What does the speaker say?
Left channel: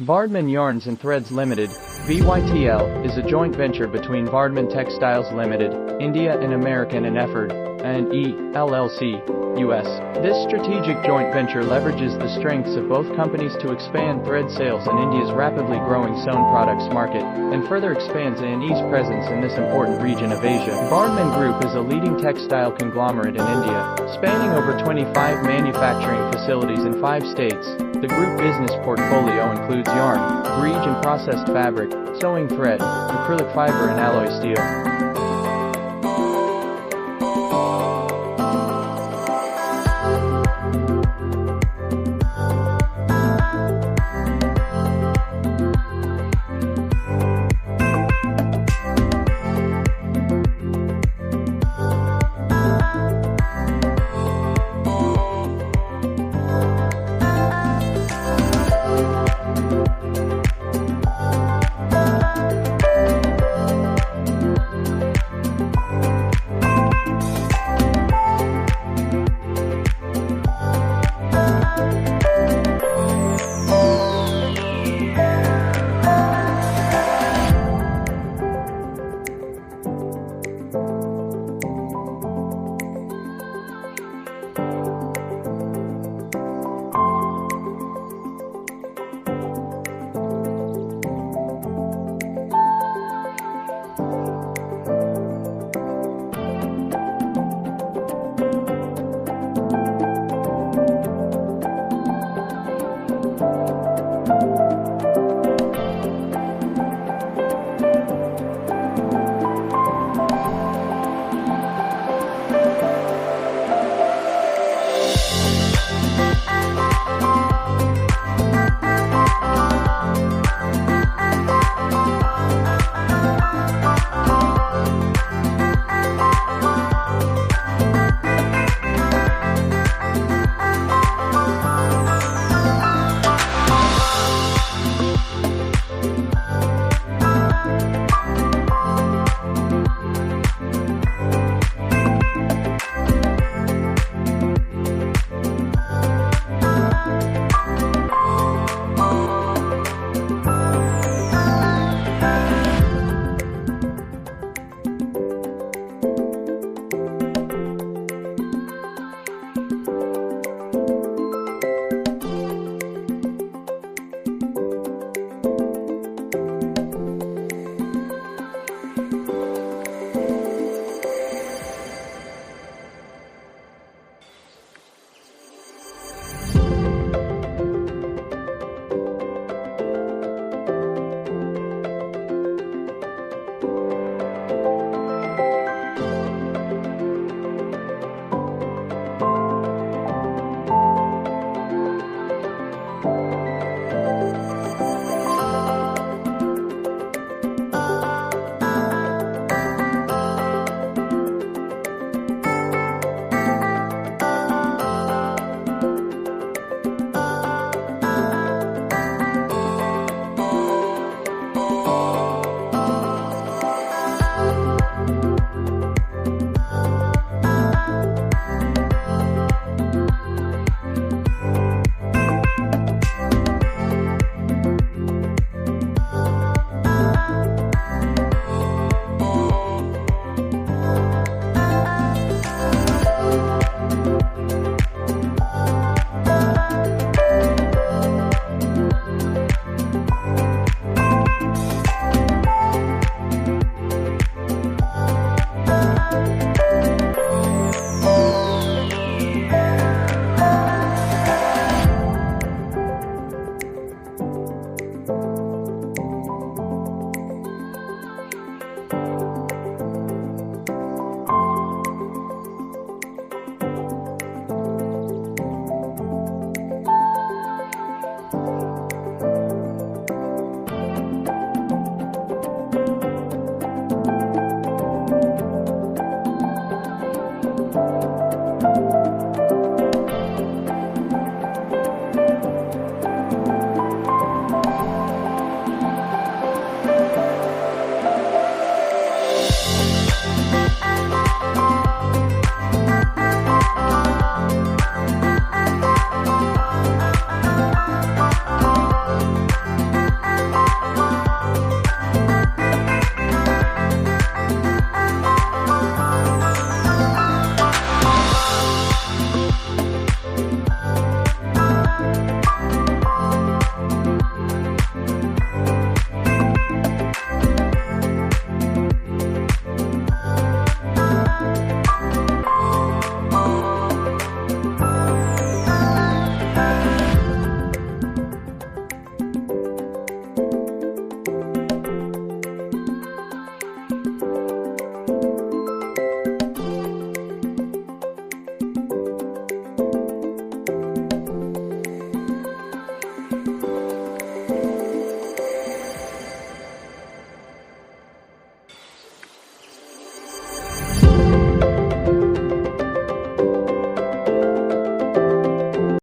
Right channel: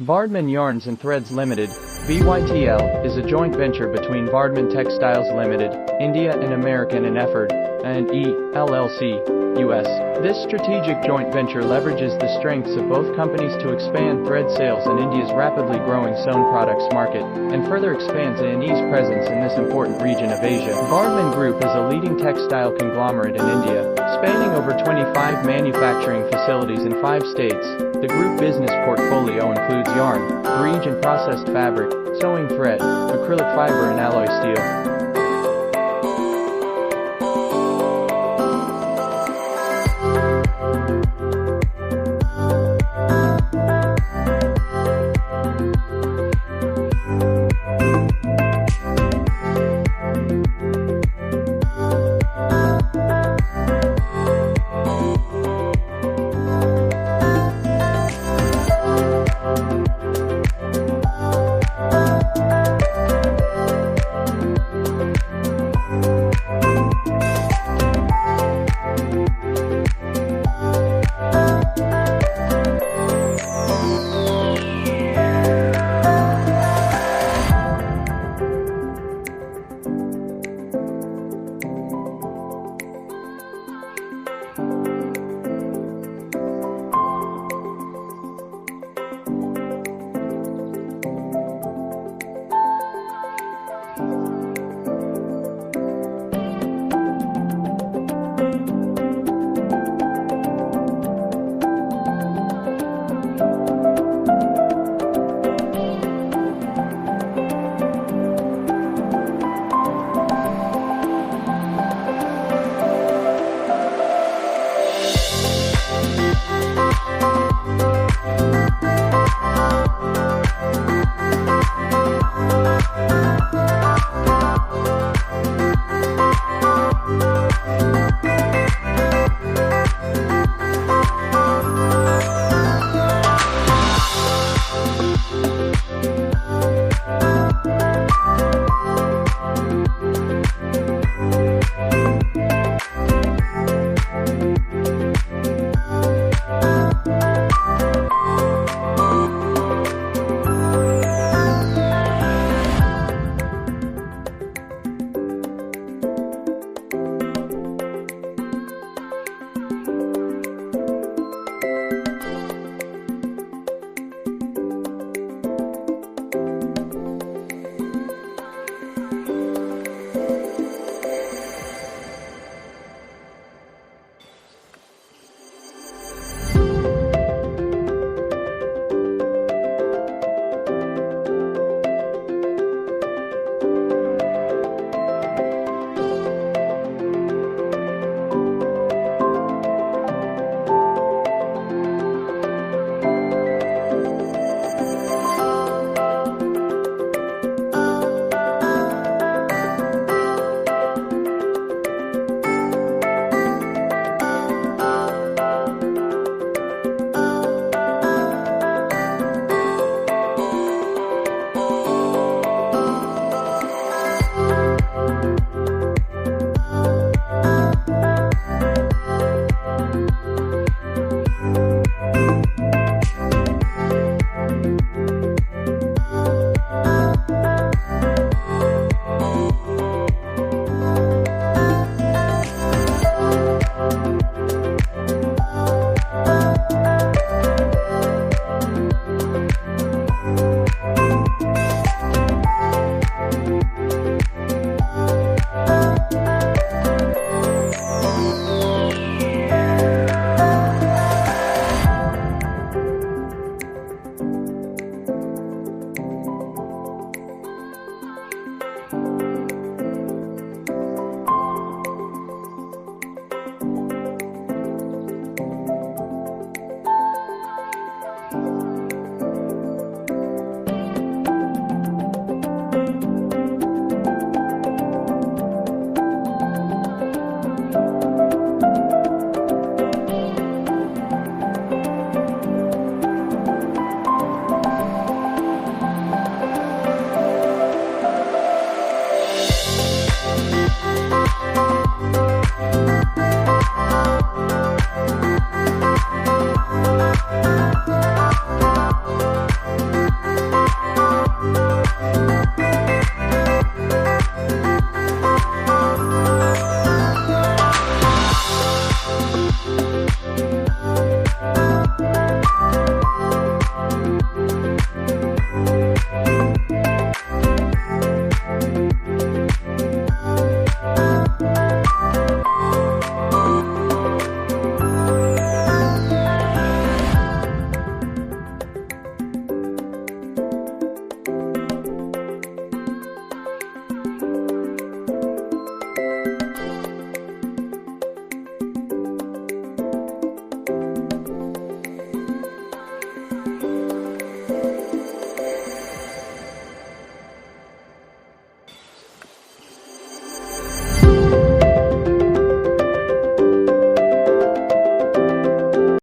Vardhman Yarns and Threads Limited, VYTL, is a joint venture between Vardhman Textiles Limited, India and American and Efford, and E, LLC, US. This strategic joint venture leverages the strengths of both companies to expand thread sales in India's rapidly growing sewn products market, and further expands A&E's presence in this important region of Asia. Vardhman Group is a leading textile conglomerate in India, spanning over 25 manufacturing facilities in 5 states. The group business portfolio includes yarn, greige and processed fabric, sewing thread, acrylic fiber and alloy steel.